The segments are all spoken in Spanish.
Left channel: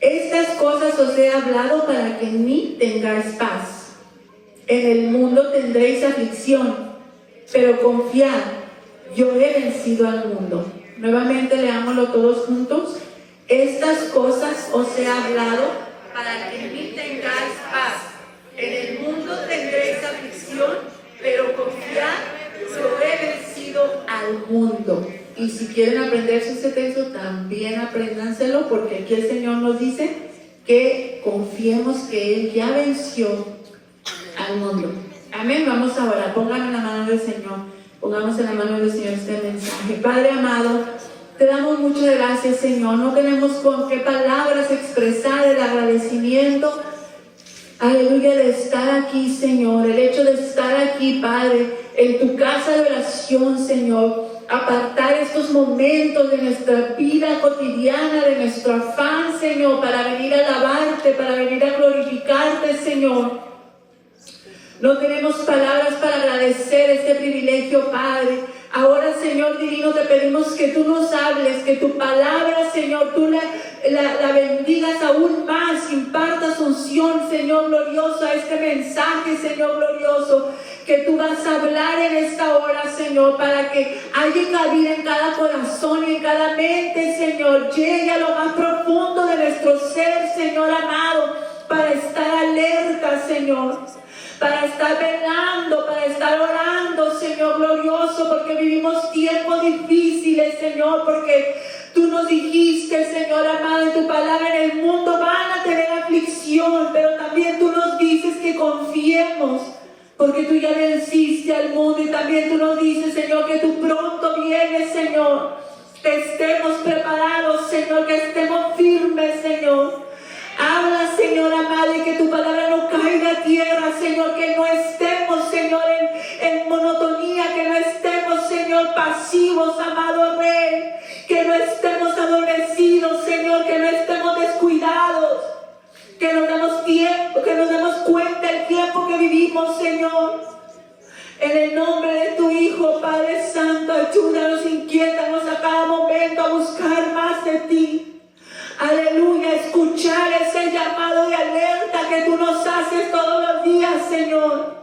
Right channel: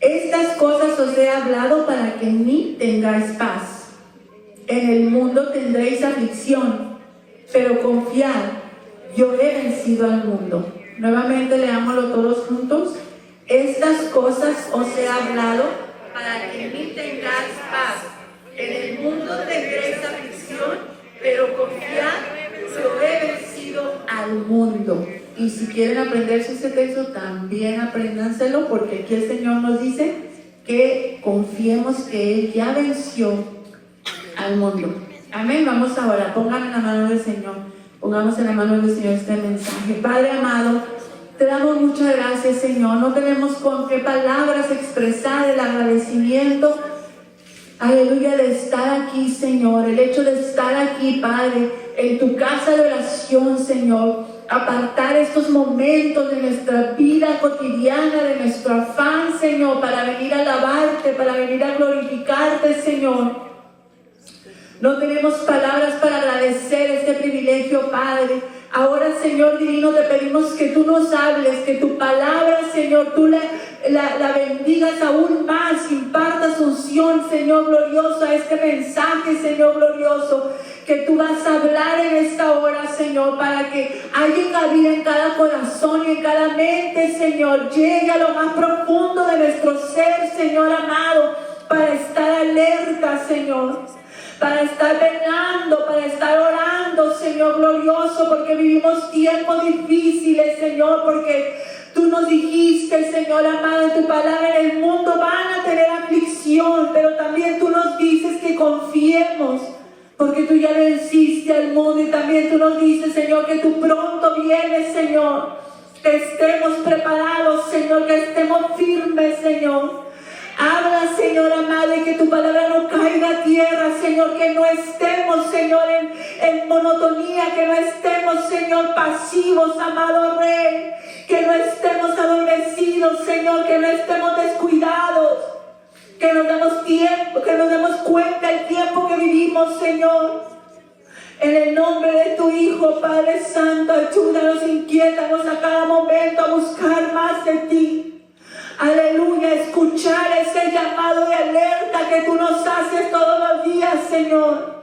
Estas cosas os he hablado para que en mí tengáis paz. En el mundo tendréis aflicción, pero confiad, yo he vencido al mundo. Nuevamente leámoslo todos juntos. Estas cosas os he hablado para que en mí tengáis paz. En el mundo tendréis aflicción, pero confiad, yo he vencido al mundo. Y si quieren aprenderse ese texto, también apréndanselo, porque aquí el Señor nos dice que confiemos que Él ya venció al mundo. Amén. Vamos a orar. Póngame en la mano del Señor. Pongamos en la mano del Señor este mensaje. Padre amado, te damos muchas gracias, Señor. No tenemos con qué palabras expresar el agradecimiento. Aleluya, de estar aquí, Señor. El hecho de estar aquí, Padre, en tu casa de oración, Señor. Apartar estos momentos de nuestra vida cotidiana, de nuestro afán, Señor, para venir a alabarte, para venir a glorificarte, Señor. No tenemos palabras para agradecer este privilegio, Padre. Ahora, Señor divino, te pedimos que tú nos hables, que tu palabra, Señor, tú la bendigas aún más, impartas unción, Señor glorioso, a este mensaje, Señor glorioso, que tú vas a hablar en esta hora, Señor, para que haya cabida en cada corazón y en cada mente, Señor. Llegue a lo más profundo de nuestro ser, Señor amado, para estar alerta, Señor, para estar velando, para estar orando, Señor glorioso, porque vivimos tiempos difíciles, Señor, porque tú nos dijiste, Señor amado, en tu palabra, en el mundo van a tener aflicción, pero también tú nos dices que confiemos, porque tú ya venciste al mundo, y también tú nos dices, Señor, que tú pronto vienes, Señor, que estemos preparados, Señor, que estemos firmes, Señor. Habla, Señor amado, y que tu palabra no caiga a tierra, Señor, que no estemos, Señor, en monotonía, que no estemos, Señor, pasivos, amado Rey, que no estemos adormecidos, Señor, que no estemos descuidados, que nos demos tiempo, que nos demos cuenta del tiempo que vivimos, Señor. En el nombre de tu Hijo, Padre Santo, ayúdanos, inquiétanos a cada momento a buscar más de ti. Aleluya, escuchar ese llamado de alerta que tú nos haces todos los días, Señor.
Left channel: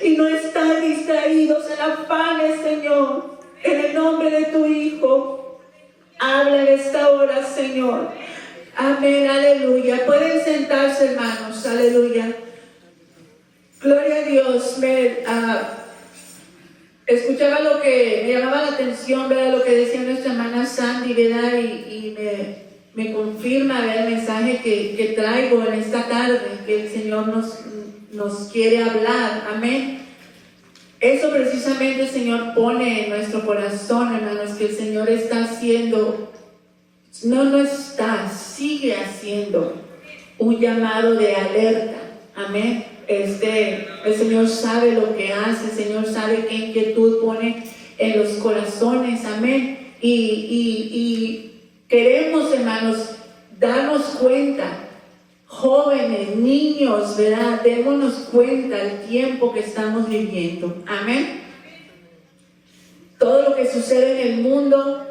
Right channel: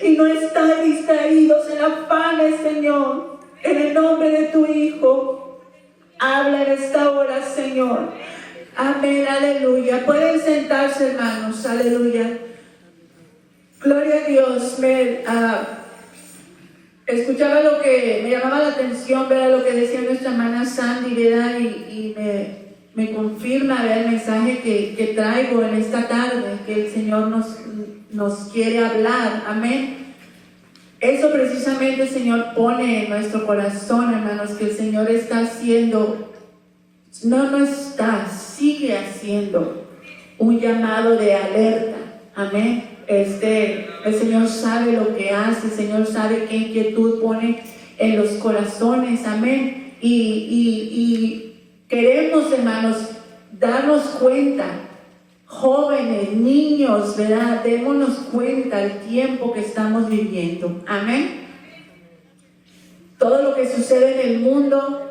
Y no estar distraídos en afanes, Señor. En el nombre de tu Hijo, habla en esta hora, Señor. Amén, aleluya. Pueden sentarse, hermanos, aleluya. Gloria a Dios. Escuchaba lo que me llamaba la atención, ¿verdad? Lo que decía nuestra hermana Sandy, ¿verdad? Y me confirma, ¿verdad?, el mensaje que traigo en esta tarde, que el Señor nos quiere hablar. Amén. Eso precisamente el Señor pone en nuestro corazón, hermanos, que el Señor está haciendo, sigue haciendo un llamado de alerta. Amén. El Señor sabe lo que hace, el Señor sabe qué inquietud pone en los corazones. Amén. Y queremos, hermanos, darnos cuenta, jóvenes, niños, ¿verdad? Démonos cuenta del tiempo que estamos viviendo. Amén. Todo lo que sucede en el mundo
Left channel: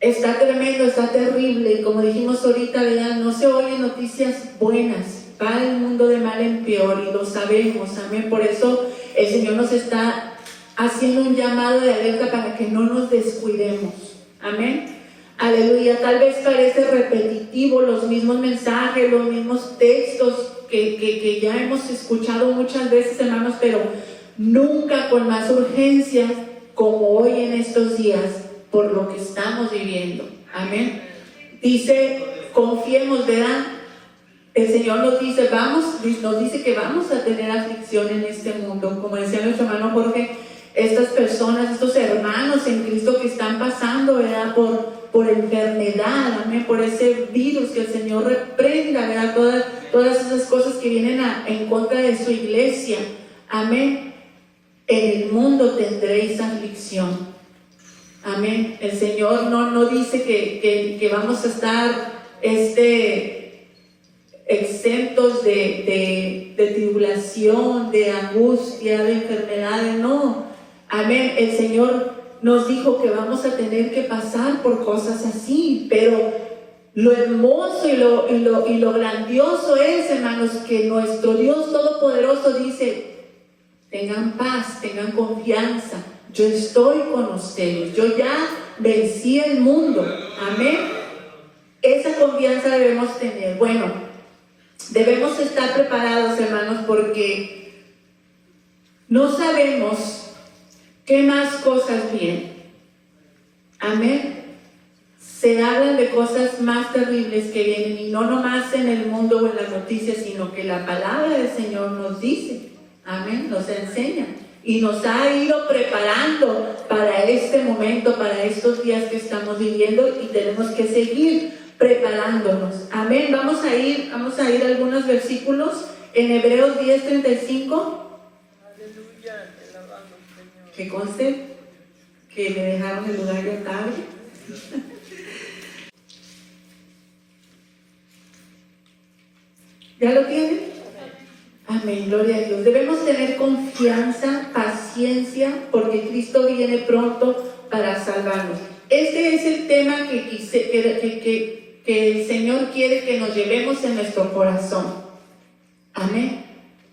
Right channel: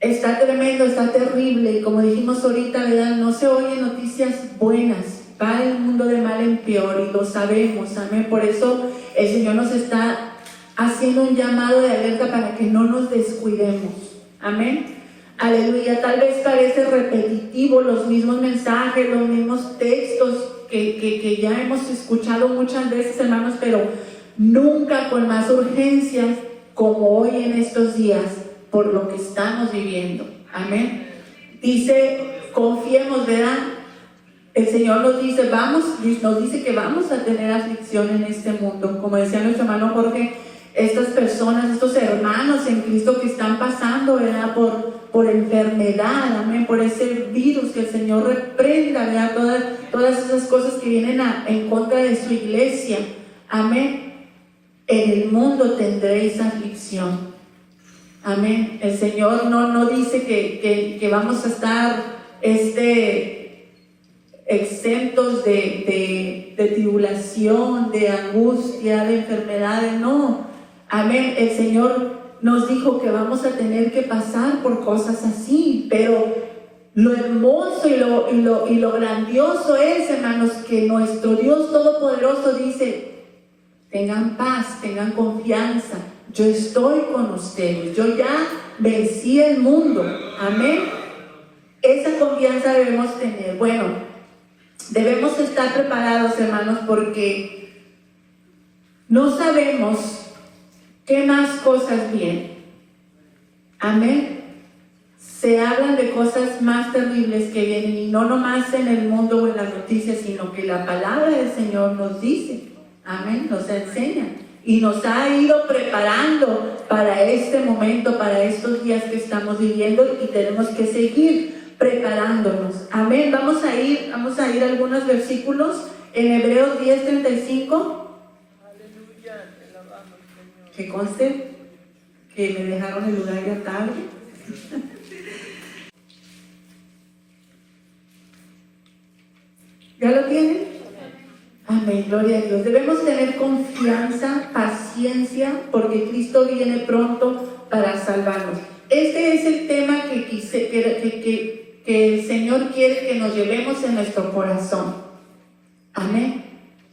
está tremendo, está terrible. Y como dijimos ahorita, ¿verdad?, no se oyen noticias buenas. Va el mundo de mal en peor y lo sabemos. Amén. Por eso el Señor nos está haciendo un llamado de alerta para que no nos descuidemos. Amén. Aleluya. Tal vez parece repetitivo los mismos mensajes, los mismos textos que ya hemos escuchado muchas veces, hermanos, pero nunca con más urgencia como hoy en estos días, por lo que estamos viviendo. Amén. Dice, confiemos, ¿verdad? El Señor nos dice que vamos a tener aflicción en este mundo. Como decía nuestro hermano Jorge, estas personas, estos hermanos en Cristo que están pasando, ¿verdad?, por enfermedad, amén, por ese virus, que el Señor reprenda, ¿verdad?, todas esas cosas que vienen en contra de su iglesia. Amén. En el mundo tendréis aflicción. Amén. El Señor no dice que vamos a estar exentos de tribulación, de angustia, de enfermedades. No. Amén. El Señor nos dijo que vamos a tener que pasar por cosas así, pero Lo hermoso y lo grandioso es, hermanos, que nuestro Dios Todopoderoso dice: tengan paz, tengan confianza, yo estoy con ustedes, yo ya vencí el mundo. Amén. Esa confianza debemos tener. Bueno, debemos estar preparados, hermanos, porque no sabemos qué más cosas vienen. Amén. Se hablan de cosas más terribles que vienen, y no nomás en el mundo o en las noticias, sino que la palabra del Señor nos dice. Amén, nos enseña y nos ha ido preparando para este momento, para estos días que estamos viviendo, y tenemos que seguir preparándonos. Amén. Vamos a ir a algunos versículos en Hebreos 10:35. Que conste que me dejaron el lugar ya tarde. ¿Ya lo tienen? Amén, gloria a Dios. Debemos tener confianza, paciencia, porque Cristo viene pronto para salvarnos. Este es el tema que el Señor quiere que nos llevemos en nuestro corazón. Amén.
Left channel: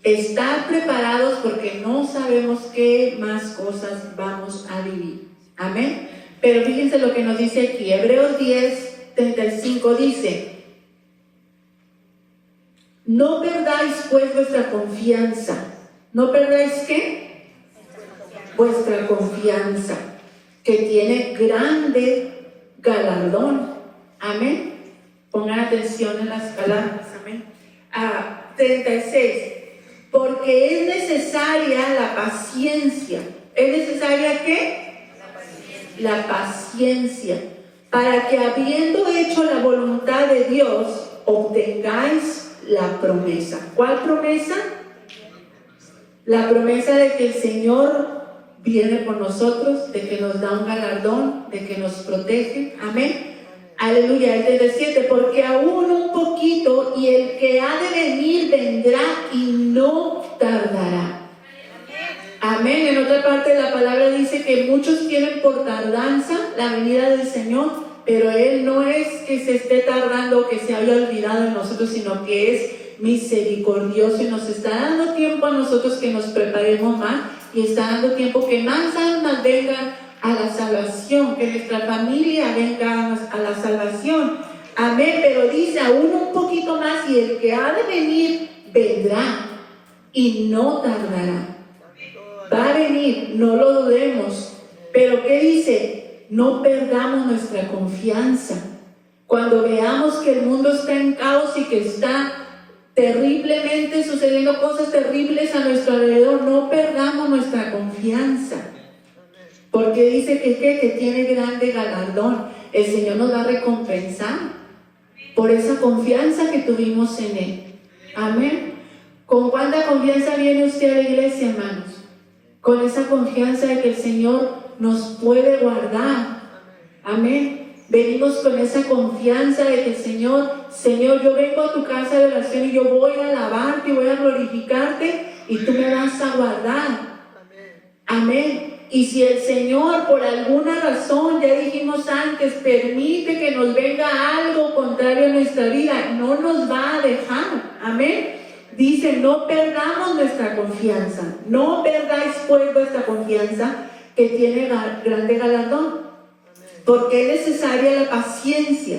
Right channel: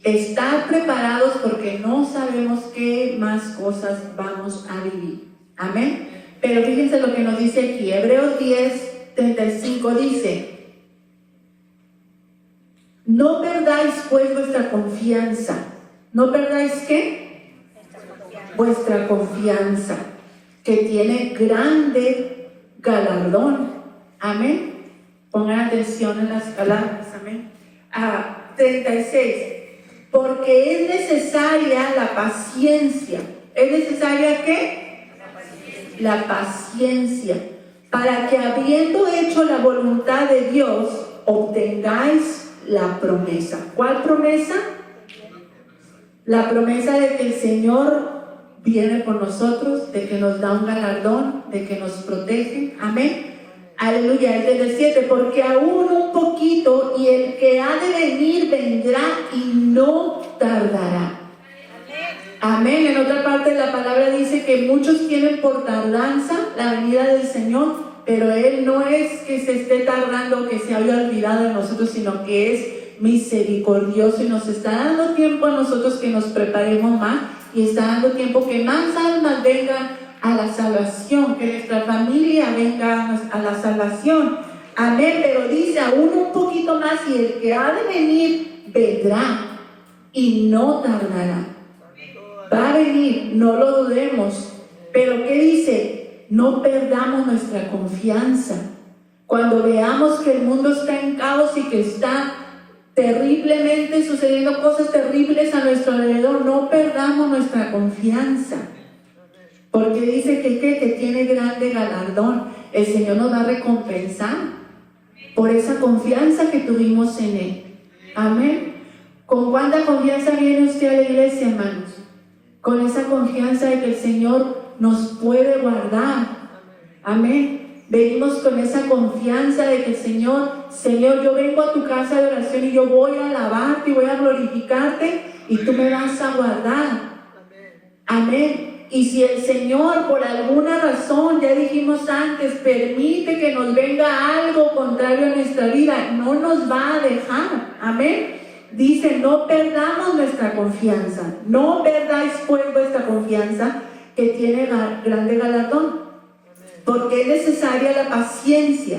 Estar preparados, porque no sabemos qué más cosas vamos a vivir. Amén. Pero fíjense lo que nos dice aquí. Hebreos 10:35 dice: no perdáis pues vuestra confianza. ¿No perdáis qué? Vuestra confianza, que tiene grande galardón. Amén. Pongan atención en las palabras. Amén. 36. Porque es necesaria la paciencia. ¿Es necesaria qué? La paciencia, para que, habiendo hecho la voluntad de Dios, obtengáis la promesa. ¿Cuál promesa? La promesa de que el Señor viene por nosotros, de que nos da un galardón, de que nos protege. Amén. Aleluya. El 37. Porque aún un poquito, y el que ha de venir vendrá y no tardará. Amén. En otra parte de la palabra dice que muchos tienen por tardanza la venida del Señor, pero Él no es que se esté tardando o que se haya olvidado de nosotros, sino que es misericordioso y nos está dando tiempo a nosotros que nos preparemos más, y está dando tiempo que más almas vengan a la salvación, que nuestra familia venga a la salvación. Amén. Pero dice aún un poquito más, y el que ha de venir vendrá y no tardará. Va a venir, no lo dudemos. Pero ¿qué dice? No perdamos nuestra confianza. Cuando veamos que el mundo está en caos y que está terriblemente sucediendo cosas terribles a nuestro alrededor, no perdamos nuestra confianza. Porque dice que tiene grande galardón. El Señor nos va a recompensar por esa confianza que tuvimos en Él. Amén. ¿Con cuánta confianza viene usted a la iglesia, hermanos? Con esa confianza de que el Señor nos puede guardar. Amén. Venimos con esa confianza de que el Señor, yo vengo a tu casa de oración y yo voy a alabarte y voy a glorificarte, y tú me vas a guardar. Amén. Y si el Señor, por alguna razón, ya dijimos antes, permite que nos venga algo contrario a nuestra vida, no nos va a dejar. Amén. Dice: no perdamos nuestra confianza. No perdáis pues vuestra confianza, que tiene grande galardón. Porque es necesaria la paciencia,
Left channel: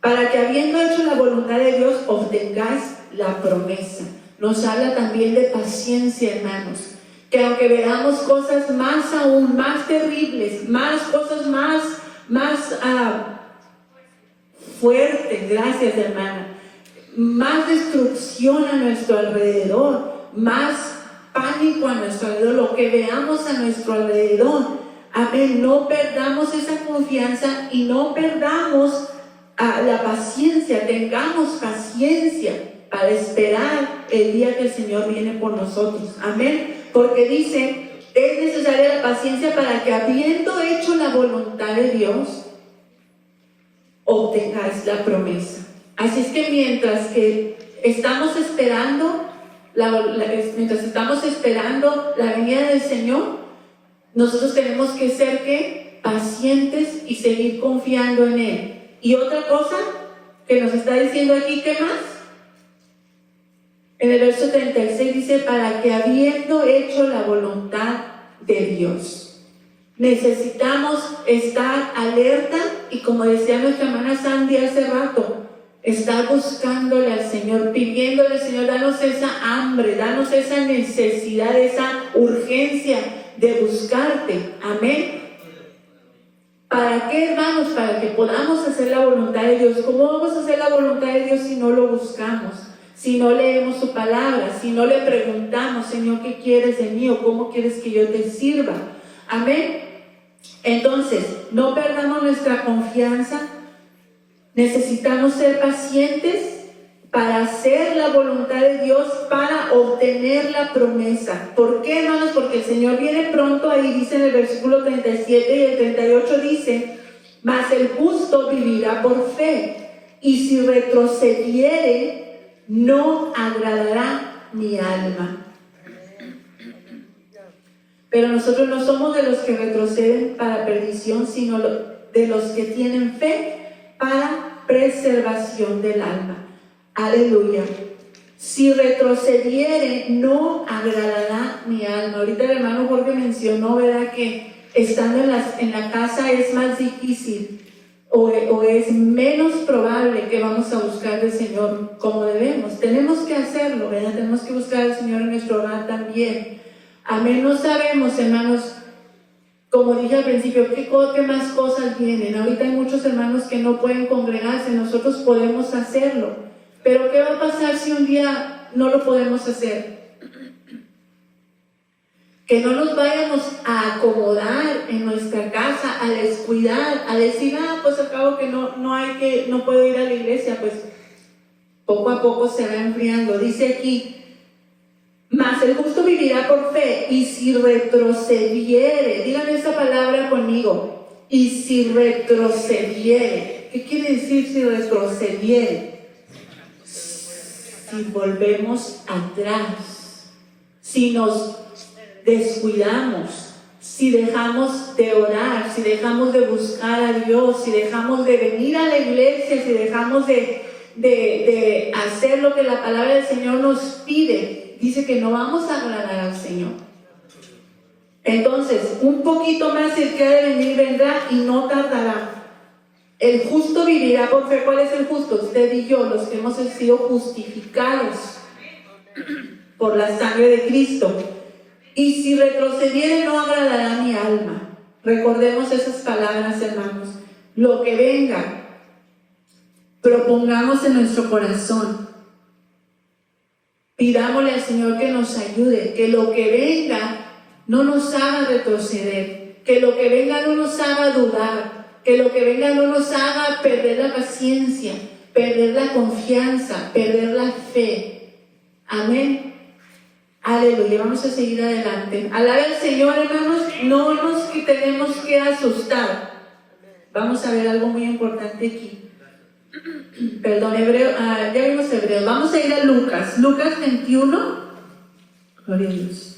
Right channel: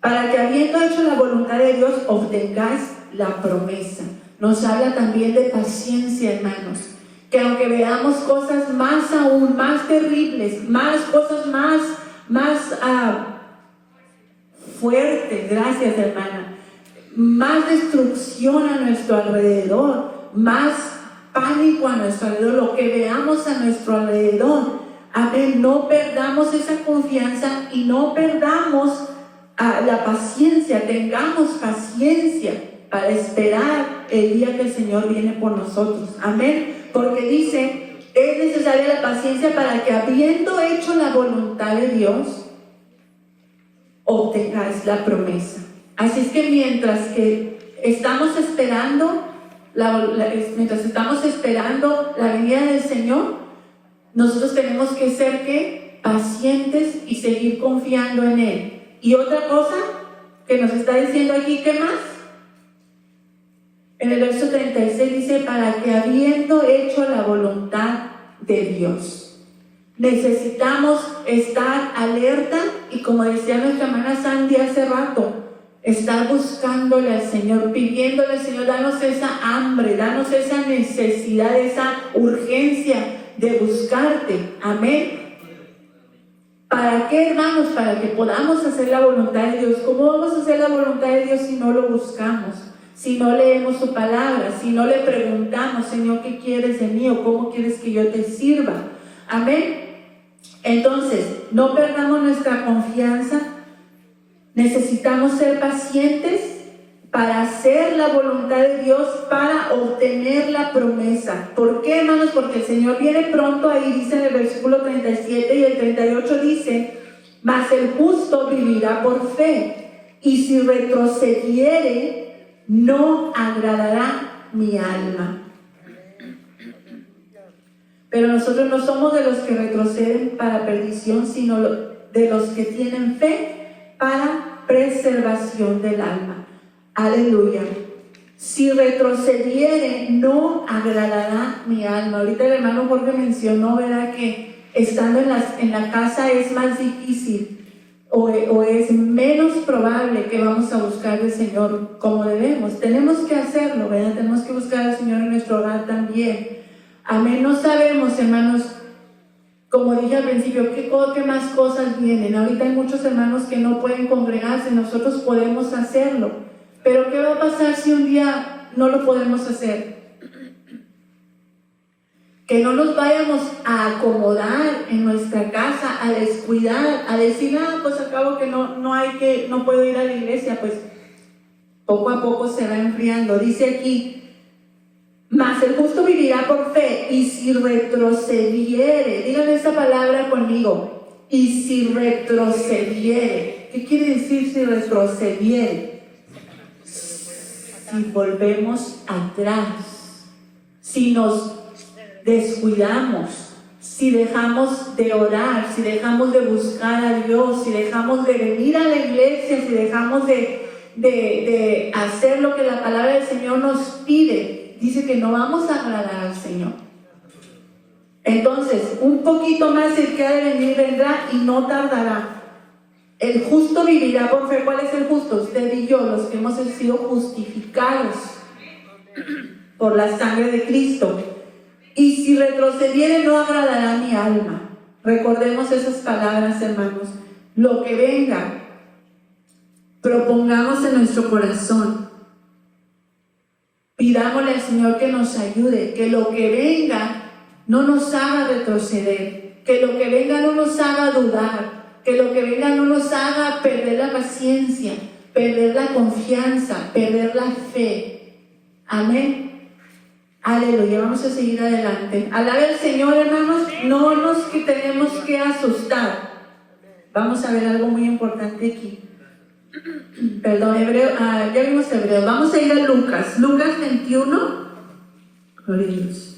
para que, habiendo hecho la voluntad de Dios, obtengáis la promesa. Nos habla también de paciencia, hermanos. Que aunque veamos cosas más aún, más terribles, cosas más fuertes, gracias, hermana, más destrucción a nuestro alrededor, más pánico a nuestro alrededor, lo que veamos a nuestro alrededor. Amén. No perdamos esa confianza y no perdamos la paciencia. Tengamos paciencia para esperar el día que el Señor viene por nosotros. Amén. Porque dice: es necesaria la paciencia para que, habiendo hecho la voluntad de Dios, obtengáis la promesa. Así es que mientras estamos esperando la venida del Señor, nosotros tenemos que ser pacientes y seguir confiando en Él. Y otra cosa, que nos está diciendo aquí, ¿qué más? En el verso 36 dice, para que habiendo hecho la voluntad de Dios. Necesitamos estar alerta y, como decía nuestra hermana Sandy hace rato, estar buscándole al Señor, pidiéndole al Señor, danos esa hambre, danos esa necesidad, esa urgencia de buscarte. Amén. ¿Para qué, hermanos? Para que podamos hacer la voluntad de Dios. ¿Cómo vamos a hacer la voluntad de Dios si no lo buscamos? Si no leemos su palabra, si no le preguntamos, Señor, ¿qué quieres de mí? ¿O cómo quieres que yo te sirva? Amén. Entonces, no perdamos nuestra confianza. Necesitamos ser pacientes para hacer la voluntad de Dios, para obtener la promesa. ¿Por qué, hermanos? Porque el Señor viene pronto. Ahí dice en el versículo 37 y el 38 dice, mas el justo vivirá por fe, y si retrocediere, no agradará mi alma. Pero nosotros no somos de los que retroceden para perdición, sino de los que tienen fe para preservación del alma. Aleluya. Si retrocediere, no agradará mi alma. Ahorita el hermano Jorge mencionó, ¿verdad?, que estando en la casa es más difícil o es menos probable que vamos a buscar al Señor como debemos. Tenemos que hacerlo, ¿verdad? Tenemos que buscar al Señor en nuestro hogar también. Amén. No sabemos, hermanos, como dije al principio, ¿qué más cosas vienen? Ahorita hay muchos hermanos que no pueden congregarse, nosotros podemos hacerlo. Pero ¿qué va a pasar si un día no lo podemos hacer? Que no nos vayamos a acomodar en nuestra casa, a descuidar, a decir, pues acabo que no puedo ir a la iglesia. Pues poco a poco se va enfriando. Dice aquí, mas el justo vivirá por fe, y si retrocediere, díganme esta palabra conmigo, y si retrocediere. ¿Qué quiere decir si retrocediere? Si volvemos atrás, si nos descuidamos, si dejamos de orar, si dejamos de buscar a Dios, si dejamos de venir a la iglesia, si dejamos de hacer lo que la palabra del Señor nos pide, dice que no vamos a agradar al Señor. Entonces, un poquito más el que ha de venir vendrá y no tardará. El justo vivirá por fe. ¿Cuál es el justo? Usted y yo, los que hemos sido justificados por la sangre de Cristo. Y si retrocediere, no agradará mi alma. Recordemos esas palabras, hermanos. Lo que venga, propongamos en nuestro corazón. Pidámosle al Señor que nos ayude, que lo que venga no nos haga retroceder, que lo que venga no nos haga dudar, que lo que venga no nos haga perder la paciencia, perder la confianza, perder la fe. Amén. Aleluya. Vamos a seguir adelante. Alabe al Señor, hermanos. No nos tenemos que asustar. Vamos a ver algo muy importante aquí. Perdón, ya vimos Hebreo. Vamos a ir a Lucas. Lucas 21. Gloria a Dios.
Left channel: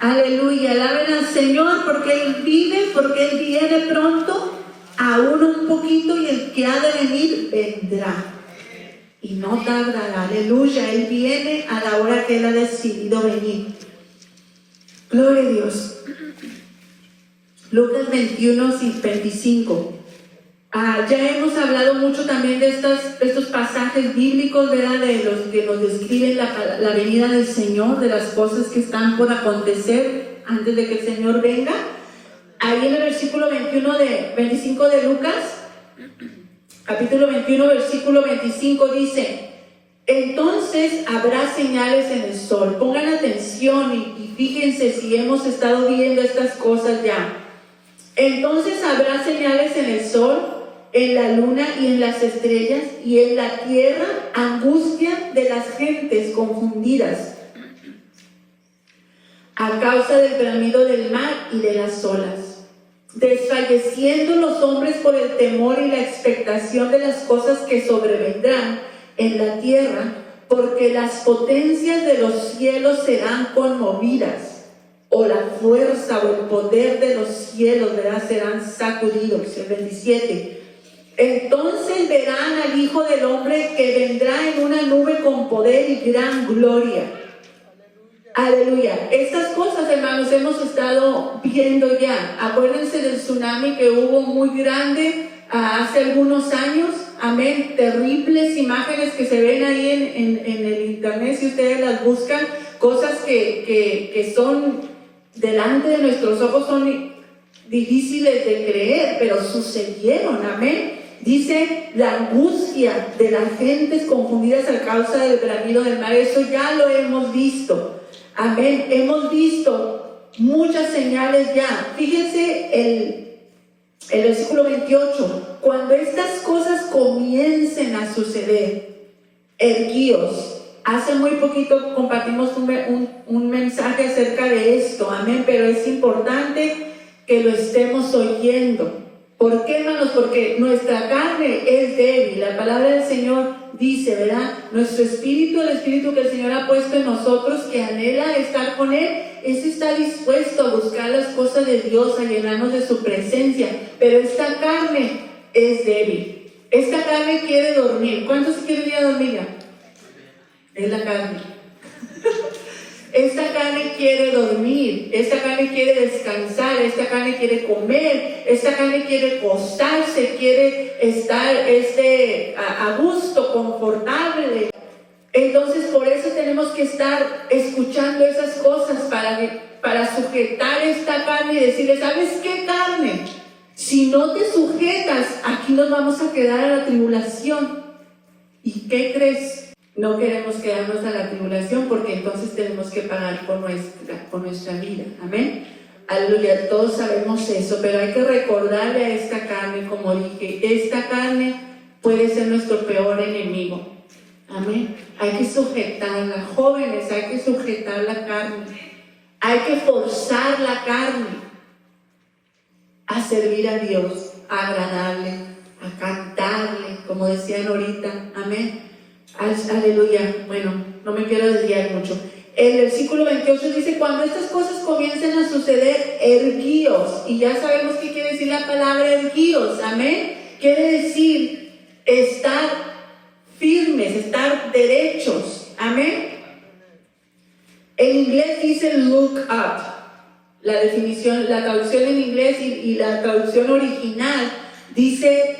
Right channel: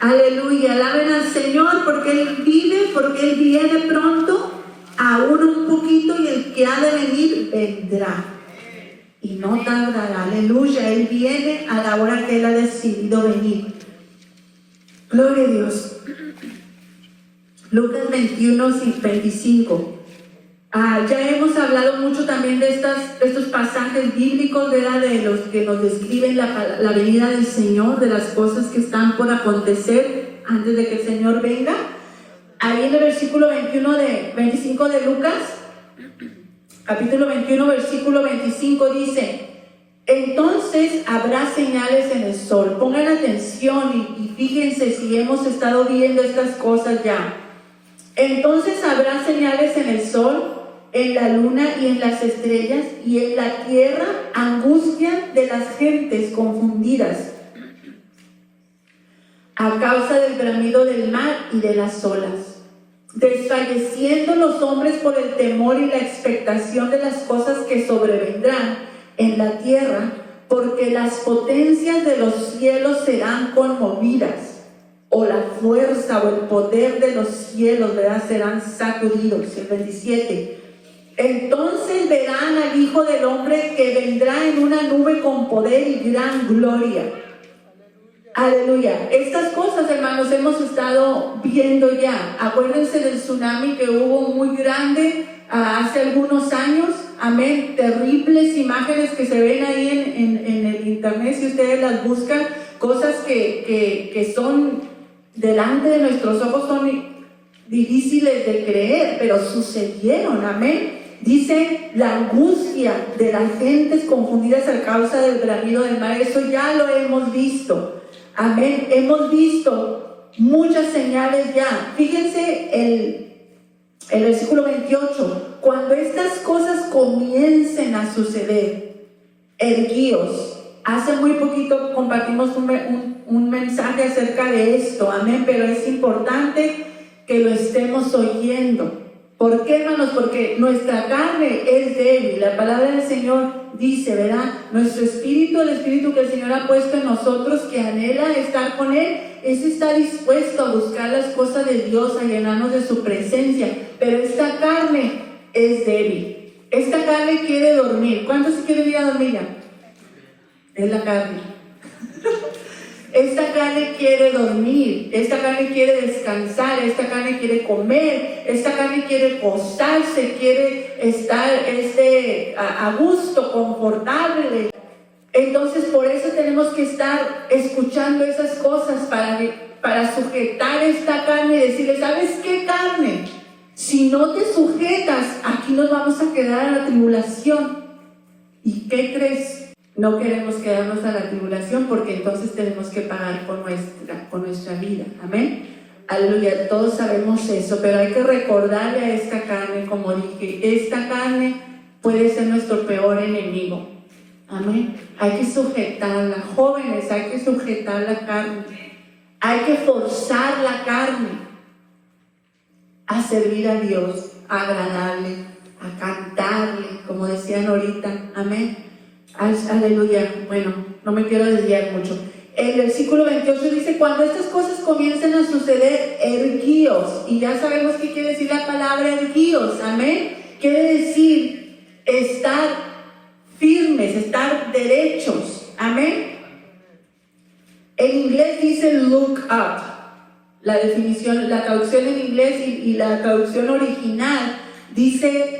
Aleluya, alaben al Señor porque Él vive, porque Él viene pronto, aún un poquito, y el que ha de venir vendrá y no tardará. Aleluya, Él viene a la hora que Él ha decidido venir. Gloria a Dios. Lucas 21, 25. Ya hemos hablado mucho también de estos pasajes bíblicos, ¿verdad? De los que nos describen la venida del Señor, de las cosas que están por acontecer antes de que el Señor venga. Ahí en el versículo 25 de Lucas, capítulo 21, versículo 25 dice: entonces habrá señales en el sol. Pongan atención y fíjense si hemos estado viendo estas cosas ya. Entonces habrá señales en el sol, en la luna y en las estrellas, y en la tierra angustia de las gentes confundidas a causa del bramido del mar y de las olas, desfalleciendo los hombres por el temor y la expectación de las cosas que sobrevendrán en la tierra, porque las potencias de los cielos serán conmovidas. o la fuerza o el poder de los cielos, ¿verdad?, serán sacudidos. El 27. Entonces verán al Hijo del Hombre que vendrá en una nube con poder y gran gloria. Aleluya. Estas cosas, hermanos, hemos estado viendo ya. Acuérdense del tsunami que hubo muy grande hace algunos años. Amén. Terribles imágenes que se ven ahí en el internet, si ustedes las buscan. Cosas que son delante de nuestros ojos, son difíciles de creer, pero sucedieron. Amén. Dice la angustia de las gentes confundidas a causa del bramido del mar. Eso ya lo hemos visto. Amén. Hemos visto muchas señales ya. Fíjense el versículo 28. Cuando estas cosas comiencen a suceder, erguíos. Hace muy poquito compartimos un mensaje acerca de esto. Amén. Pero es importante que lo estemos oyendo. ¿Por qué, hermanos? Porque nuestra carne es débil. La palabra del Señor dice, ¿verdad? Nuestro espíritu, el espíritu que el Señor ha puesto en nosotros, que anhela estar con Él, ese está dispuesto a buscar las cosas de Dios, a llenarnos de su presencia. Pero esta carne es débil. Esta carne quiere dormir. ¿Cuántos se quieren ir a dormir ya? Es la carne. Esta carne quiere dormir, esta carne quiere descansar, esta carne quiere comer, esta carne quiere gozarse, quiere estar a gusto, confortable. Entonces por eso tenemos que estar escuchando esas cosas para sujetar esta carne y decirle, ¿sabes qué, carne? Si no te sujetas, aquí nos vamos a quedar a la tribulación. ¿Y qué crees? No queremos quedarnos a la tribulación, porque entonces tenemos que pagar con nuestra vida. Amén. Aleluya, todos sabemos eso, pero hay que recordarle a esta carne, como dije, esta carne puede ser nuestro peor enemigo. Amén. Hay que sujetarla, jóvenes, hay que sujetar la carne. Hay que forzar la carne a servir a Dios, a agradarle, a cantarle, como decían ahorita. Amén. Aleluya. Bueno, no me quiero desviar mucho. El versículo 28 dice, cuando estas cosas comiencen a suceder, erguíos. Y ya sabemos qué quiere decir la palabra erguíos. Amén. Quiere decir estar firmes, estar derechos. Amén. En inglés dice look up. La definición, la traducción en inglés y la traducción original dice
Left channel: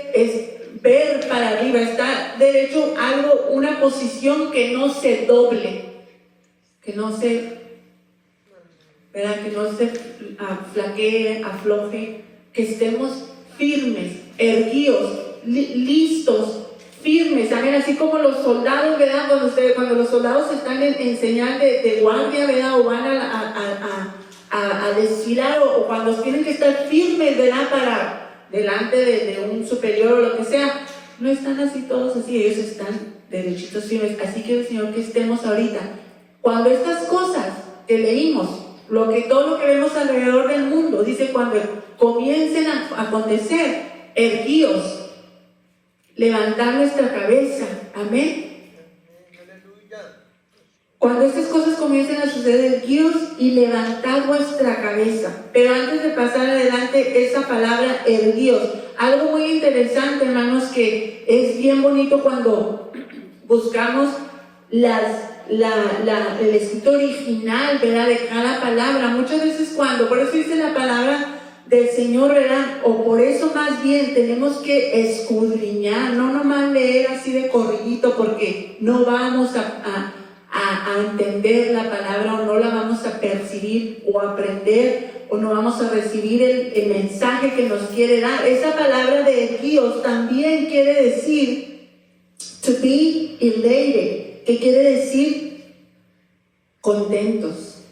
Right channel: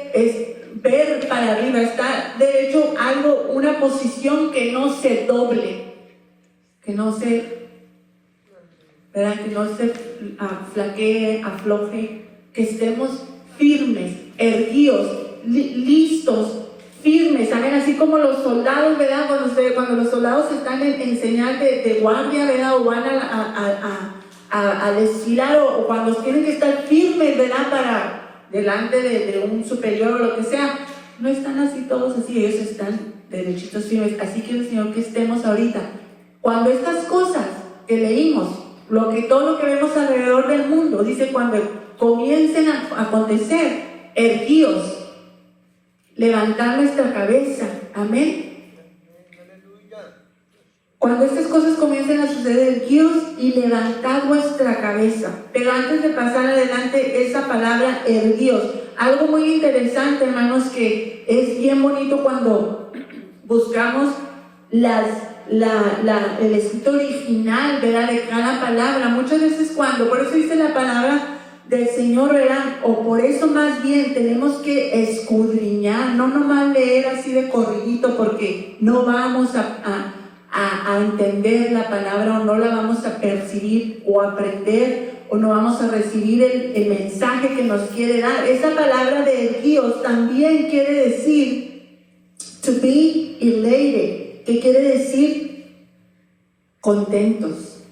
ver para arriba, está derecho, algo, una posición que no se doble, que no se, ¿verdad?, que no se flaquee, afloje, que estemos firmes, erguidos, listos, firmes. Amén. Así como los soldados, ¿verdad?, cuando los soldados están en señal de guardia, ¿verdad?, o van a desfilar, o cuando tienen que estar firmes, ¿verdad?, para delante de un superior o lo que sea, no están así todos así, ellos están derechitos, firmes. Así que el Señor, que estemos ahorita, cuando estas cosas que leímos, todo lo que vemos alrededor del mundo, dice, cuando comiencen a acontecer, erguíos, levantar nuestra cabeza. Amén. Cuando estas cosas comiencen a suceder, erguíos y levantad vuestra cabeza. Pero antes de pasar adelante, esa palabra erguíos, algo muy interesante, hermanos, que es bien bonito cuando buscamos el escrito original, ¿verdad?, de cada palabra. Muchas veces por eso dice la palabra del Señor, ¿verdad?, o por eso más bien tenemos que escudriñar, no nomás leer así de corridito, porque no vamos a entender la palabra, o no la vamos a percibir o aprender, o no vamos a recibir el mensaje que nos quiere dar. Esa palabra de erguíos también quiere decir to be elated, que quiere decir contentos,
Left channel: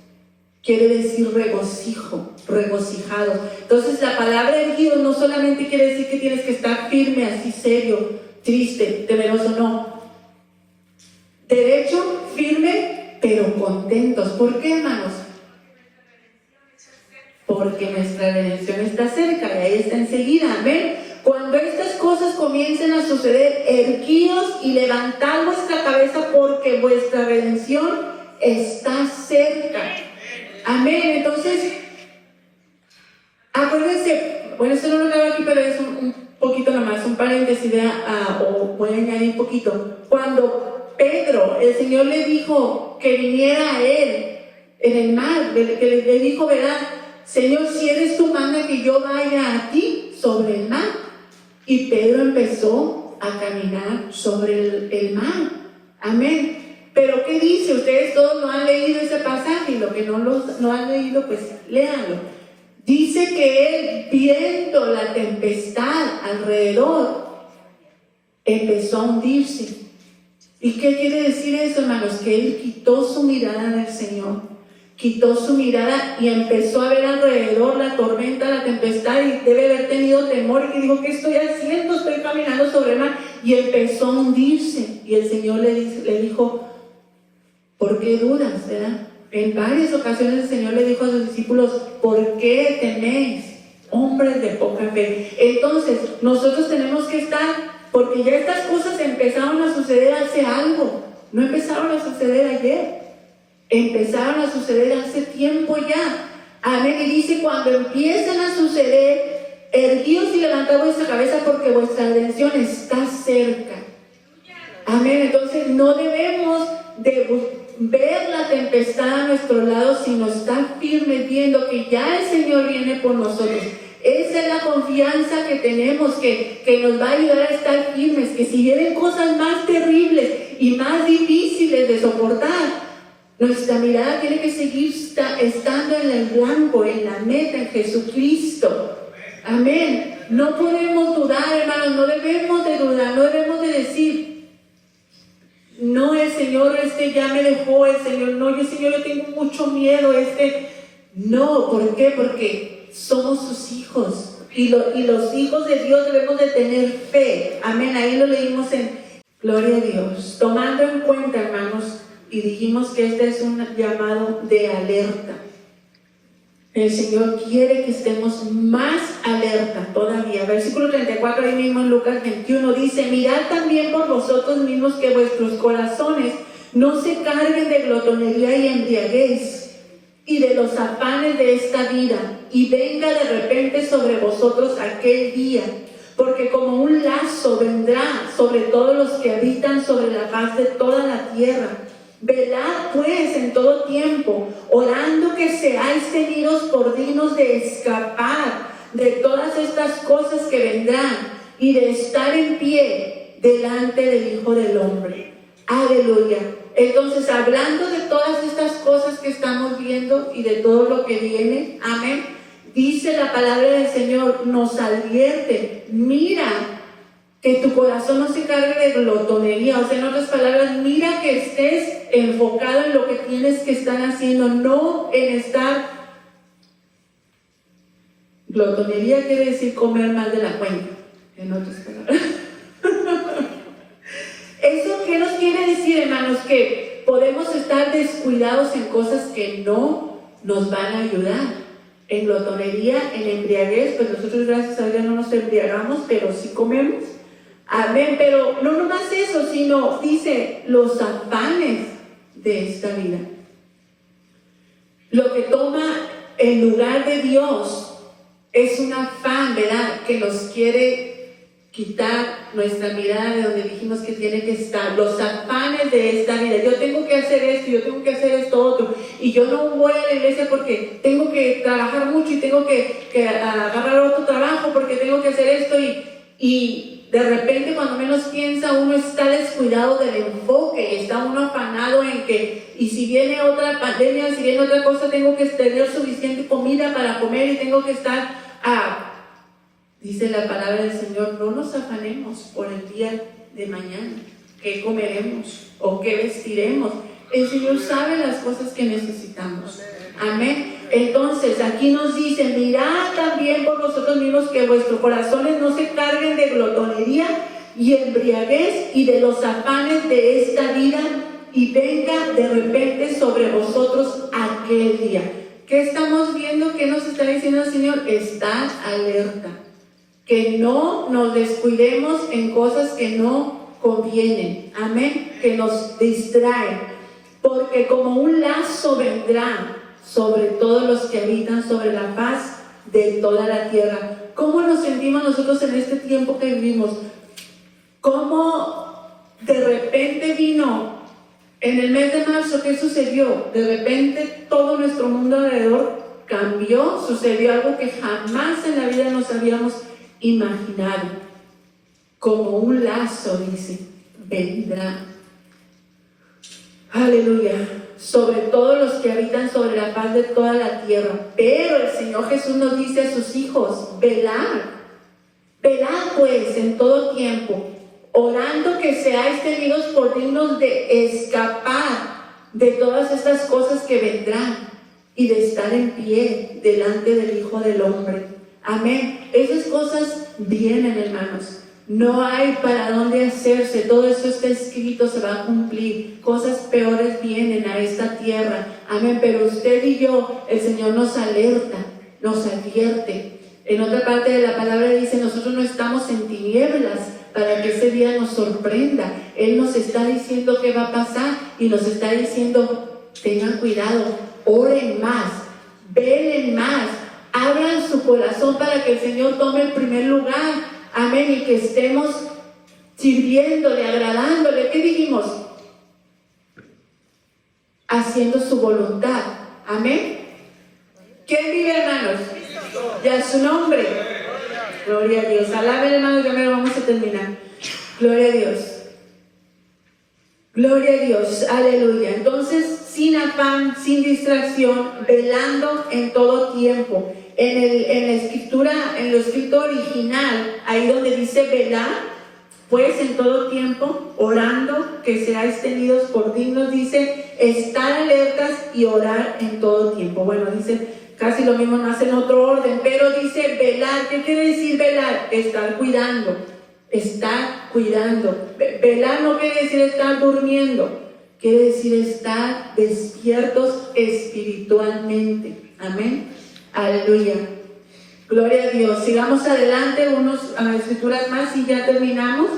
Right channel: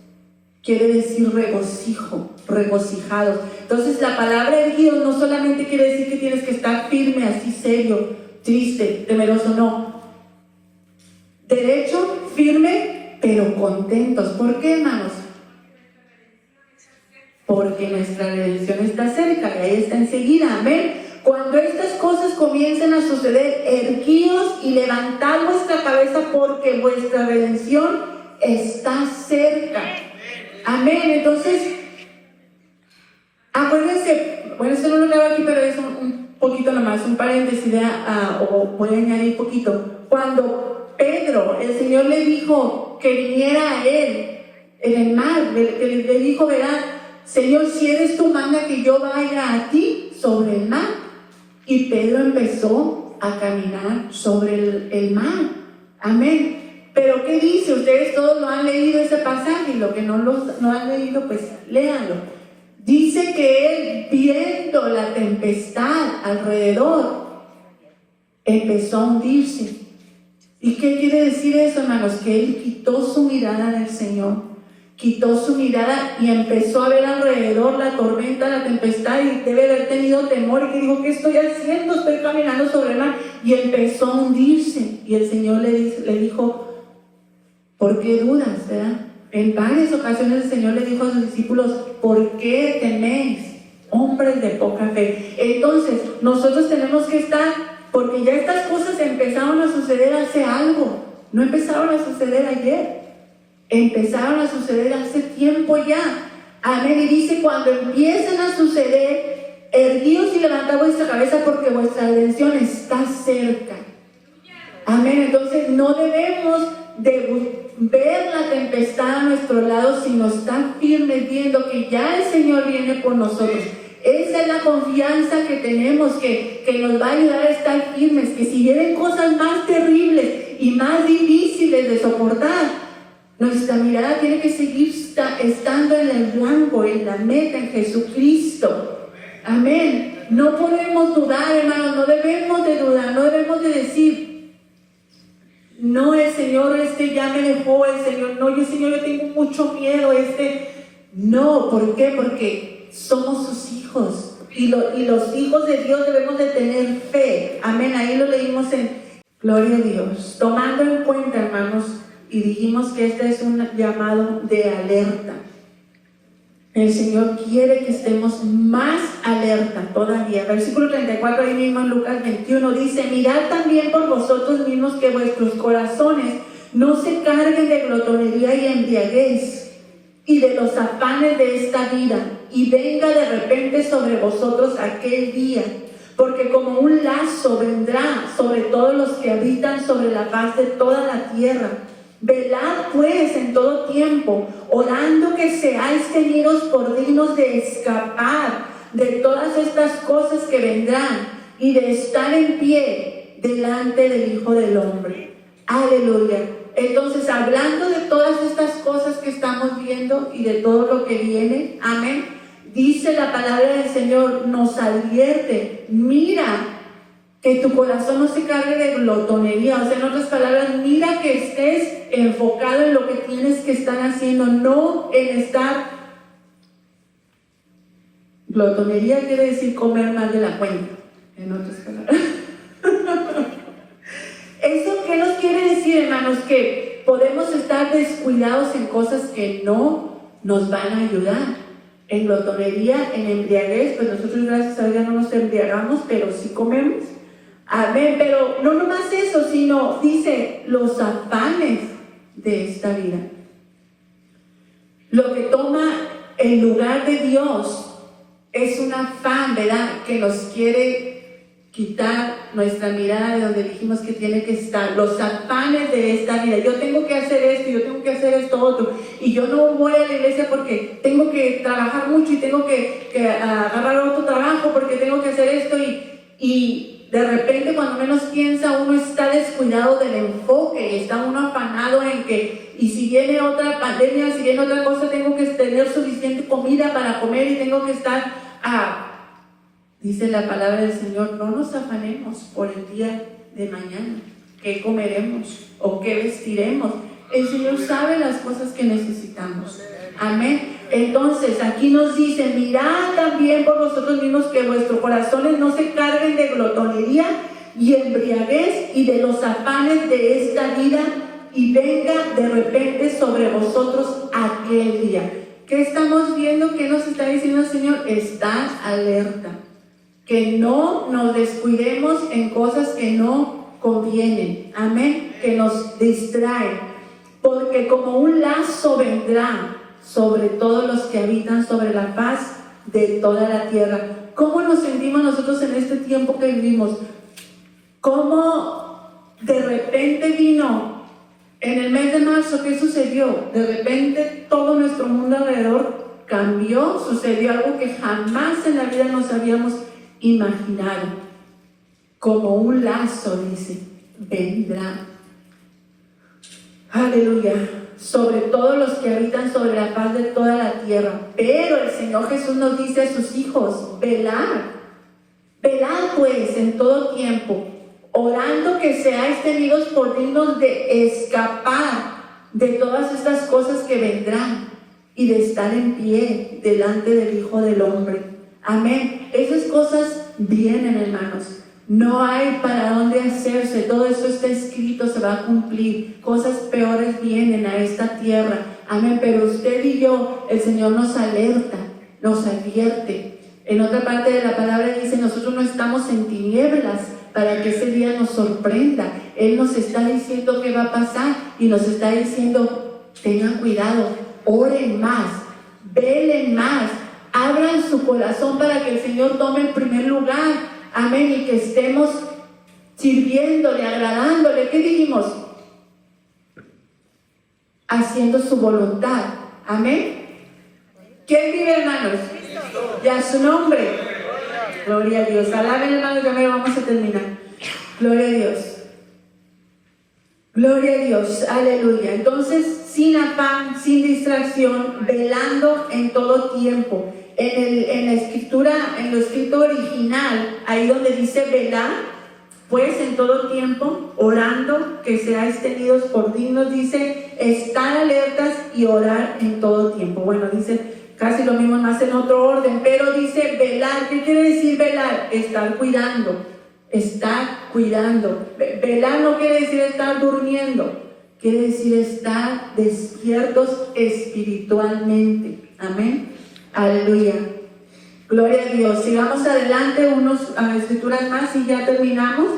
quiere decir regocijo, regocijados. Entonces la palabra erguíos no solamente quiere decir que tienes que estar firme, así serio, triste, temeroso, no. Derecho, firme, pero contentos. ¿Por qué, hermanos? Porque nuestra redención está cerca, y ahí está enseguida. Amén. Cuando estas cosas comiencen a suceder, erguíos y levantad vuestra cabeza, porque vuestra redención está cerca. Amén. Entonces, acuérdense, bueno, esto no lo leo aquí, pero es un poquito nomás, un paréntesis, o voy a añadir un poquito. Cuando Pedro, el Señor le dijo que viniera a él en el mar, le dijo, ¿verdad? Señor, si eres tú, manda que yo vaya a ti sobre el mar. Y Pedro empezó a caminar sobre el mar. Amén. Pero ¿qué dice? Ustedes todos lo han leído ese pasaje, y lo que no han leído, pues léanlo. Dice que él, viendo la tempestad alrededor, empezó a hundirse. ¿Y qué quiere decir eso, hermanos? Que él quitó su mirada del Señor, quitó su mirada y empezó a ver alrededor la tormenta, la tempestad, y debe haber tenido temor y que dijo, ¿qué estoy haciendo? Estoy caminando sobre el mar, y empezó a hundirse. Y el Señor le dijo, ¿por qué dudas? ¿Verdad? En varias ocasiones el Señor le dijo a sus discípulos, ¿por qué teméis, hombres de poca fe? Entonces, nosotros tenemos que estar, porque ya estas cosas empezaron a suceder hace algo, no empezaron a suceder ayer, empezaron a suceder hace tiempo ya. Amén. Y dice, cuando empiezan a suceder, erguíos y levantad vuestra cabeza, porque vuestra redención está cerca. Amén. Entonces no debemos de ver la tempestad a nuestro lado, sino estar firmes viendo que ya el Señor viene por nosotros. Esa es la confianza que tenemos, que nos va a ayudar a estar firmes, que si vienen cosas más terribles y más difíciles de soportar, nuestra mirada tiene que seguir estando en el blanco, en la meta, en Jesucristo. Amén. No podemos dudar, hermanos, no debemos de dudar, no debemos de decir, no, el Señor ya me dejó, el Señor, no, Señor, yo tengo mucho miedo, no, ¿por qué? Porque somos sus hijos, y los hijos de Dios debemos de tener fe. Amén. Ahí lo leímos en Gloria a Dios, tomando en cuenta, hermanos, y dijimos que este es un llamado de alerta. El Señor quiere que estemos más alerta todavía. Versículo 34, ahí mismo en Lucas 21, dice, mirad también por vosotros mismos que vuestros corazones no se carguen de glotonería y embriaguez y de los afanes de esta vida, y venga de repente sobre vosotros aquel día, porque como un lazo vendrá sobre todos los que habitan sobre la faz de toda la tierra. Velad pues en todo tiempo, orando que seáis tenidos por dignos de escapar de todas estas cosas que vendrán y de estar en pie delante del Hijo del Hombre. Aleluya. Entonces, hablando de todas estas cosas que estamos viendo y de todo lo que viene, amén, dice la palabra del Señor, nos advierte, mira, que tu corazón no se cargue de glotonería. O sea, en otras palabras, mira que estés enfocado en lo que tienes que estar haciendo, no en estar. Glotonería quiere decir comer más de la cuenta, en otras palabras. ¿Eso qué nos quiere decir, hermanos? Que podemos estar descuidados en cosas que no nos van a ayudar. En glotonería, en embriaguez, pues nosotros gracias a Dios no nos embriagamos, pero sí comemos. Amén. Pero no nomás eso, sino dice los afanes de esta vida. Lo que toma el lugar de Dios es un afán, ¿verdad? Que nos quiere quitar nuestra mirada de donde dijimos que tiene que estar. Los afanes de esta vida. Yo tengo que hacer esto, yo tengo que hacer esto otro. Y yo no voy a la iglesia porque tengo que trabajar mucho y tengo que agarrar otro trabajo porque tengo que hacer esto. Y de repente, cuando menos piensa, uno está descuidado del enfoque y está uno afanado en que, y si viene otra pandemia, si viene otra cosa, tengo que tener suficiente comida para comer y tengo que estar dice la palabra del Señor, no nos afanemos por el día de mañana, qué comeremos o qué vestiremos. El Señor sabe las cosas que necesitamos. Amén. Entonces aquí nos dice, mirad también por vosotros mismos que vuestros corazones no se carguen de glotonería y embriaguez y de los afanes de esta vida, y venga de repente sobre vosotros aquel día. ¿Qué estamos viendo? ¿Qué nos está diciendo el Señor? Estad alerta, que no nos descuidemos en cosas que no convienen, amén, que nos distraen, porque como un lazo vendrá sobre todos los que habitan sobre la faz de toda la tierra. ¿Cómo nos sentimos nosotros en este tiempo que vivimos? ¿Cómo de repente vino en el mes de marzo? ¿Qué sucedió? De repente todo nuestro mundo alrededor cambió, sucedió algo que jamás en la vida nos habíamos imaginado. Como un lazo, dice, vendrá. Aleluya. Sobre todos los que habitan sobre la faz de toda la tierra. Pero el Señor Jesús nos dice a sus hijos: velad. Velad pues en todo tiempo, orando que seáis tenidos por dignos de escapar de todas estas cosas que vendrán y de estar en pie delante del Hijo del Hombre. Amén. Esas cosas vienen, hermanos. No hay para dónde hacerse. Todo eso está escrito, se va a cumplir. Cosas peores vienen a esta tierra. Amén. Pero usted y yo, el Señor nos alerta, nos advierte. En otra parte de la palabra dice: nosotros no estamos en tinieblas para que ese día nos sorprenda. Él nos está diciendo qué va a pasar y nos está diciendo: tengan cuidado, oren más, velen más, abran su corazón para que el Señor tome el primer lugar. Amén. Y que estemos sirviéndole, agradándole. ¿Qué dijimos? Haciendo su voluntad. Amén. ¿Quién vive, hermanos? Ya su nombre. Gloria a Dios. Alaben, hermanos, ya me lo vamos a terminar. Gloria a Dios. Gloria a Dios. Aleluya. Entonces, sin afán, sin distracción, velando en todo tiempo. En la escritura, en lo escrito original, ahí donde dice velar, pues en todo tiempo, orando que seáis tenidos por dignos, dice estar alertas y orar en todo tiempo. Bueno, dice casi lo mismo, más en otro orden, pero dice velar. ¿Qué quiere decir velar? Estar cuidando, estar cuidando. Velar no quiere decir estar durmiendo, quiere decir estar despiertos espiritualmente. Amén. Aleluya. Gloria a Dios. Sigamos adelante, unas escrituras más y ya terminamos.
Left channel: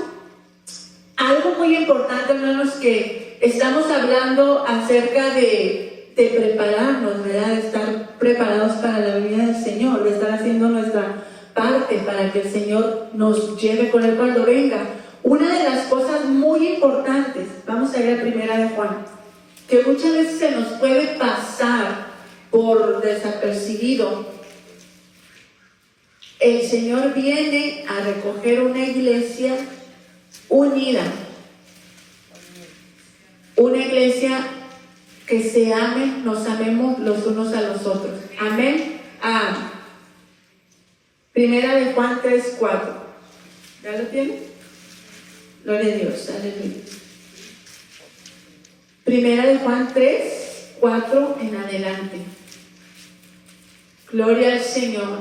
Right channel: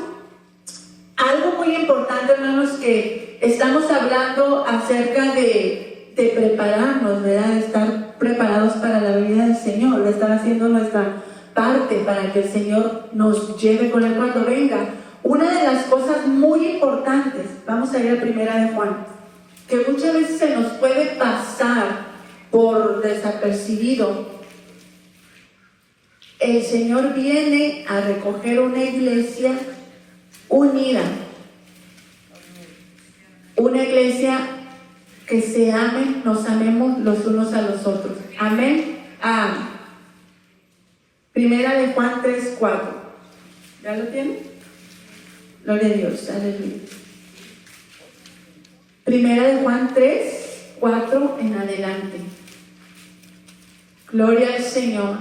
Algo muy importante, hermanos, que estamos hablando acerca de prepararnos, ¿verdad? De estar preparados para la venida del Señor, de estar haciendo nuestra parte para que el Señor nos lleve con Él cuando venga. Una de las cosas muy importantes, vamos a ir a Primera de Juan, que muchas veces se nos puede pasar por desapercibido. El Señor viene a recoger una iglesia unida, una iglesia que se ame, nos amemos los unos a los otros. Amén. Primera de Juan 3:4. ¿Ya lo tiene? Gloria a Dios. Aleluya. Primera de Juan 3:4 en adelante. Gloria al Señor.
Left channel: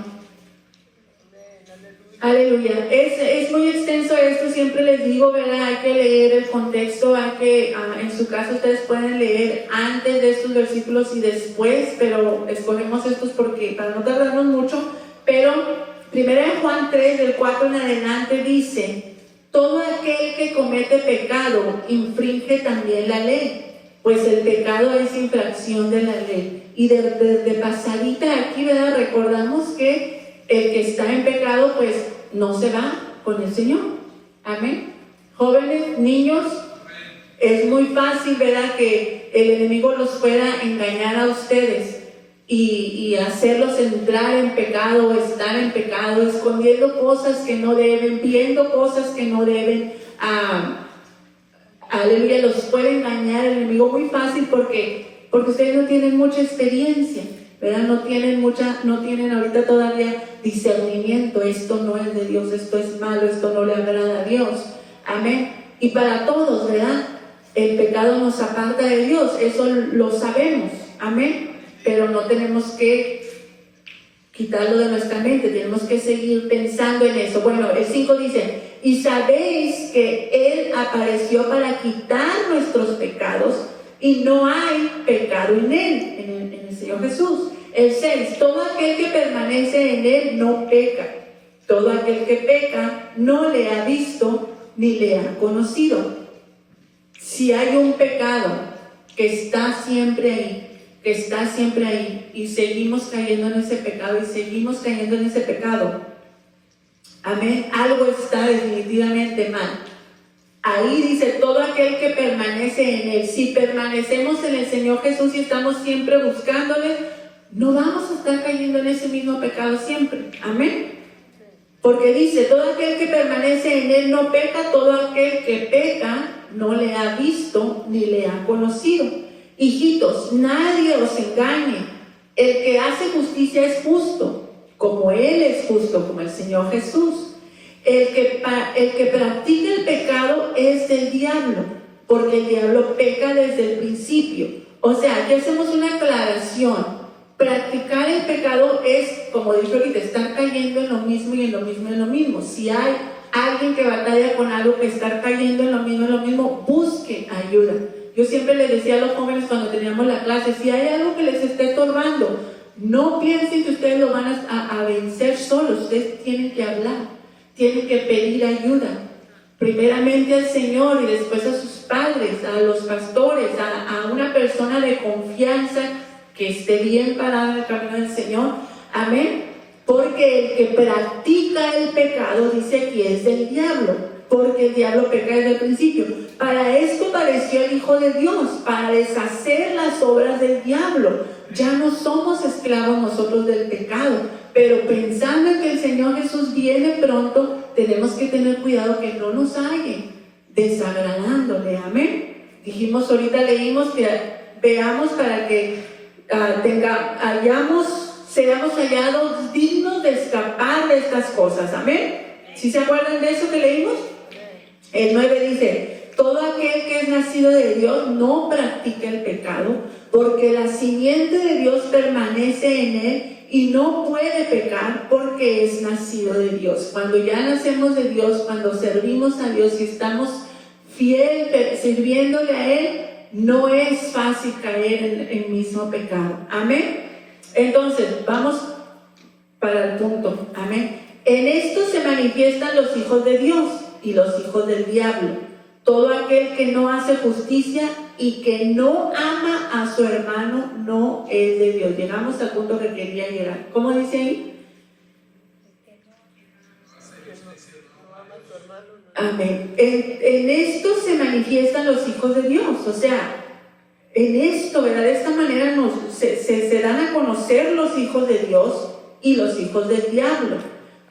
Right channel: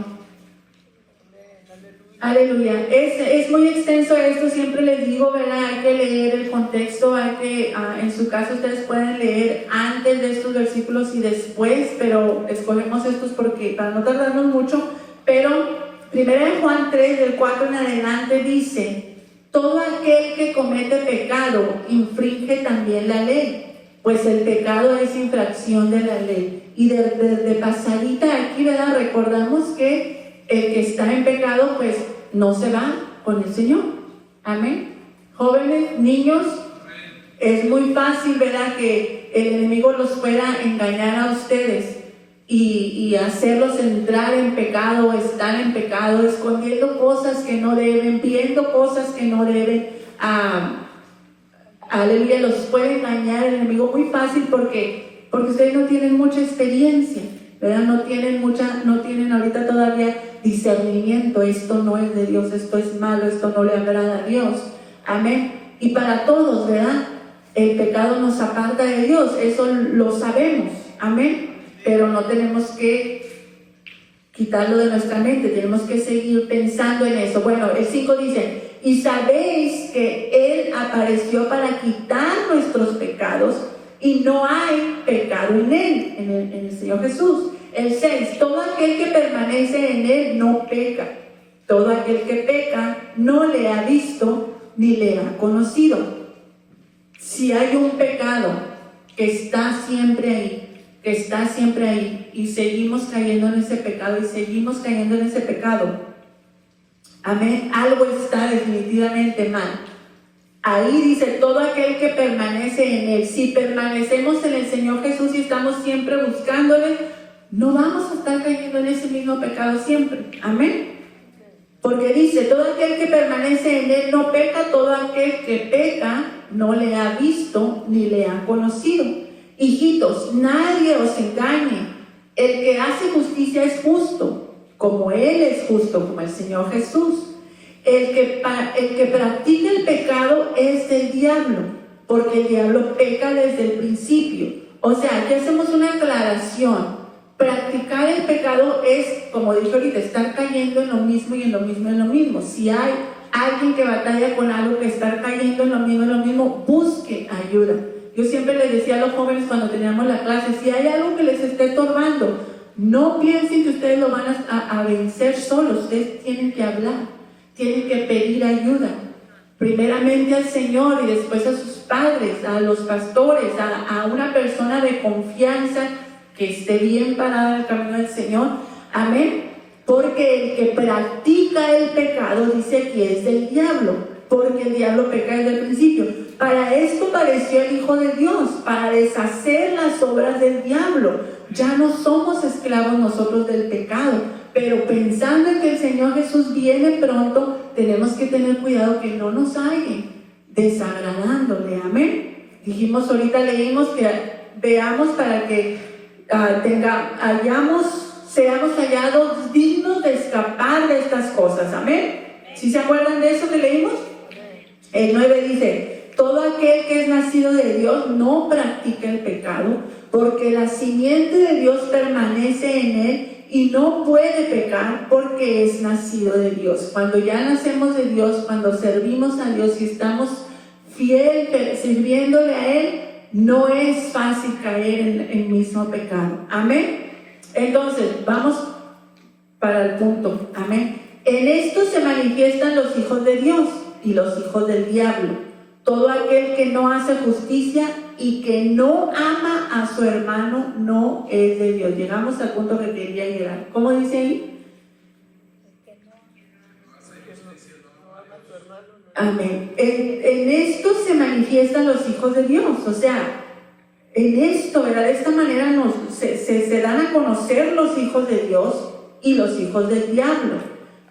Aleluya. Es muy extenso esto, siempre les digo, ¿verdad? Hay que leer el contexto, hay que, en su caso ustedes pueden leer antes de estos versículos y después, pero escogemos estos porque para no tardarnos mucho. Pero Primera de Juan 3, del 4 en adelante dice: todo aquel que comete pecado infringe también la ley, pues el pecado es infracción de la ley. Y de pasadita aquí, ¿verdad? Recordamos que el que está en pecado, pues no se va con el Señor. Amén. Jóvenes, niños, es muy fácil, ¿verdad?, que el enemigo los pueda engañar a ustedes y hacerlos entrar en pecado, estar en pecado, escondiendo cosas que no deben, viendo cosas que no deben. Aleluya, los puede engañar el enemigo muy fácil porque ustedes no tienen mucha experiencia, ¿verdad? No tienen ahorita todavía discernimiento. Esto no es de Dios, esto es malo, esto no le agrada a Dios. Amén. Y para todos, ¿verdad? El pecado nos aparta de Dios, eso lo sabemos. Amén. Pero no tenemos que quitarlo de nuestra mente, tenemos que seguir pensando en eso. Bueno, el 5 dice: y sabéis que Él apareció para quitar nuestros pecados, y no hay pecado en Él, en el Señor Jesús. El 6, todo aquel que permanece en Él no peca. Todo aquel que peca no le ha visto ni le ha conocido. Si hay un pecado que está siempre ahí, que está siempre ahí y seguimos cayendo en ese pecado y seguimos cayendo en ese pecado. Amén. Algo está definitivamente mal. Ahí dice, todo aquel que permanece en Él. Si permanecemos en el Señor Jesús y estamos siempre buscándole, no vamos a estar cayendo en ese mismo pecado siempre. Amén. Porque dice, todo aquel que permanece en Él no peca, todo aquel que peca no le ha visto ni le ha conocido. Hijitos, nadie os engañe. El que hace justicia es justo, como Él es justo, como el Señor Jesús. El que practica el pecado es del diablo, porque el diablo peca desde el principio. O sea, aquí hacemos una aclaración. Practicar el pecado es, como dije ahorita, estar cayendo en lo mismo y en lo mismo y en lo mismo. Si hay alguien que batalla con algo, que estar cayendo en lo mismo, busque ayuda. Yo siempre les decía a los jóvenes cuando teníamos la clase, si hay algo que les esté estorbando, no piensen que ustedes lo van a vencer solos. Ustedes tienen que hablar, tienen que pedir ayuda. Primeramente al Señor y después a sus padres, a los pastores, a una persona de confianza que esté bien parada en el camino del Señor. Amén. Porque el que practica el pecado, dice que es del diablo, porque el diablo peca desde el principio. Para esto pareció el Hijo de Dios, para deshacer las obras del diablo. Ya no somos esclavos nosotros del pecado, pero pensando en que el Señor Jesús viene pronto, tenemos que tener cuidado que no nos halle desagradándole. Amén. Dijimos ahorita, leímos que veamos para que seamos hallados dignos de escapar de estas cosas. Amén. ¿Sí se acuerdan de eso que leímos? El 9 dice, todo aquel que es nacido de Dios no practica el pecado, porque la simiente de Dios permanece en él y no puede pecar porque es nacido de Dios. Cuando ya nacemos de Dios, cuando servimos a Dios y estamos fiel sirviéndole a Él, no es fácil caer en el mismo pecado. Amén. Entonces, vamos para el punto. Amén. En esto se manifiestan los hijos de Dios y los hijos del diablo. Todo aquel que no hace justicia y que no ama a su hermano no es de Dios. Llegamos al punto que quería llegar. ¿Cómo dice ahí? Amén. En esto se manifiestan los hijos de Dios. O sea, en esto, ¿verdad? De esta manera se dan a conocer los hijos de Dios y los hijos del diablo.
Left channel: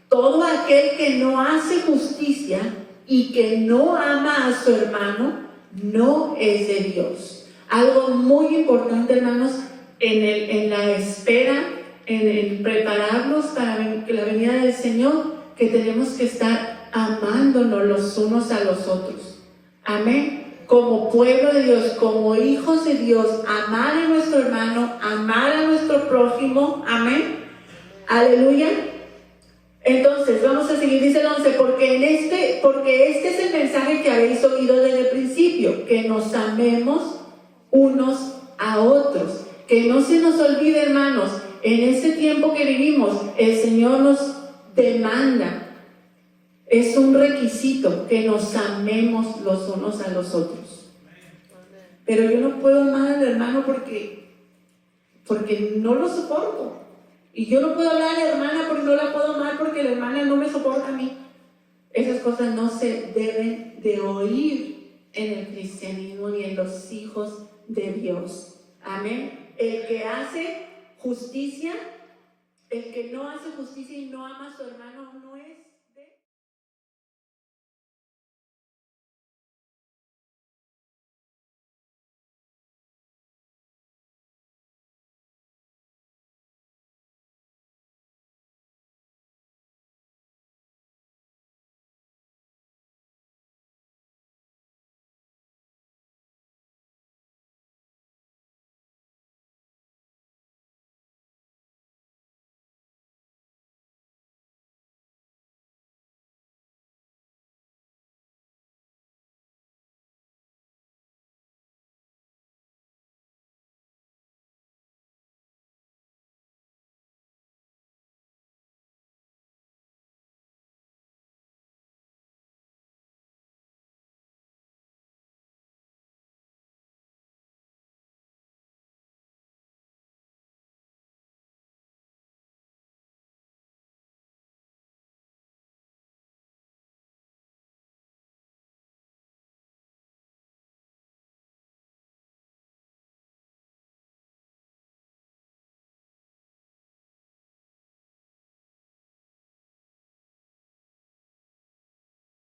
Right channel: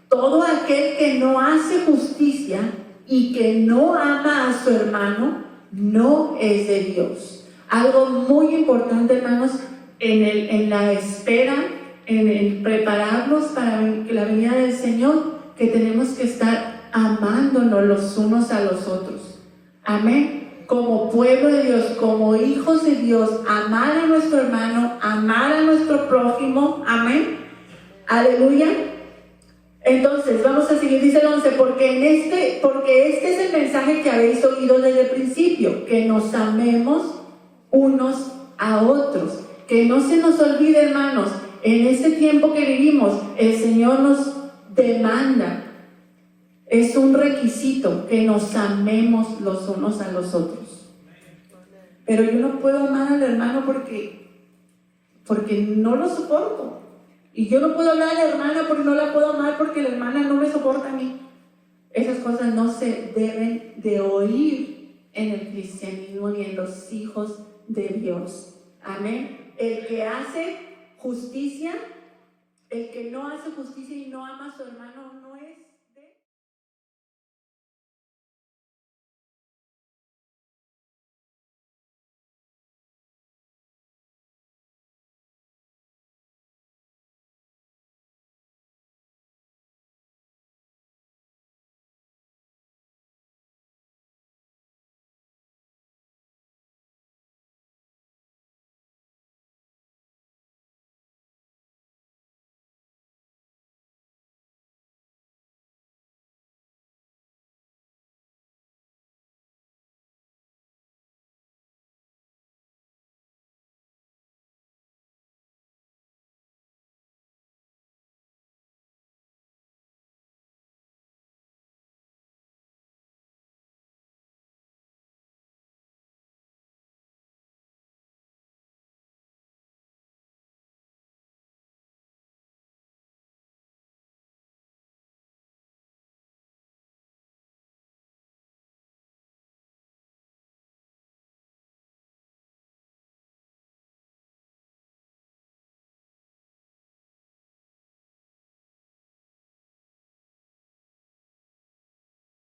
Todo aquel que no hace justicia y que no ama a su hermano no es de Dios. Algo muy importante, hermanos, en la espera, en el prepararnos para la venida del Señor, que tenemos que estar amándonos los unos a los otros. Amén. Como pueblo de Dios, como hijos de Dios, amar a nuestro hermano, amar a nuestro prójimo. Amén. Aleluya. Entonces, vamos a seguir, dice el 11, porque este es el mensaje que habéis oído desde el principio, que nos amemos unos a otros. Que no se nos olvide, hermanos, en este tiempo que vivimos, el Señor nos demanda, es un requisito que nos amemos los unos a los otros. Pero yo no puedo amar al hermano porque no lo soporto. Y yo no puedo hablar a la hermana porque no la puedo amar porque la hermana no me soporta a mí. Esas cosas no se deben de oír en el cristianismo ni en los hijos de Dios. Amén. El que hace justicia, el que no hace justicia y no ama a su hermano no es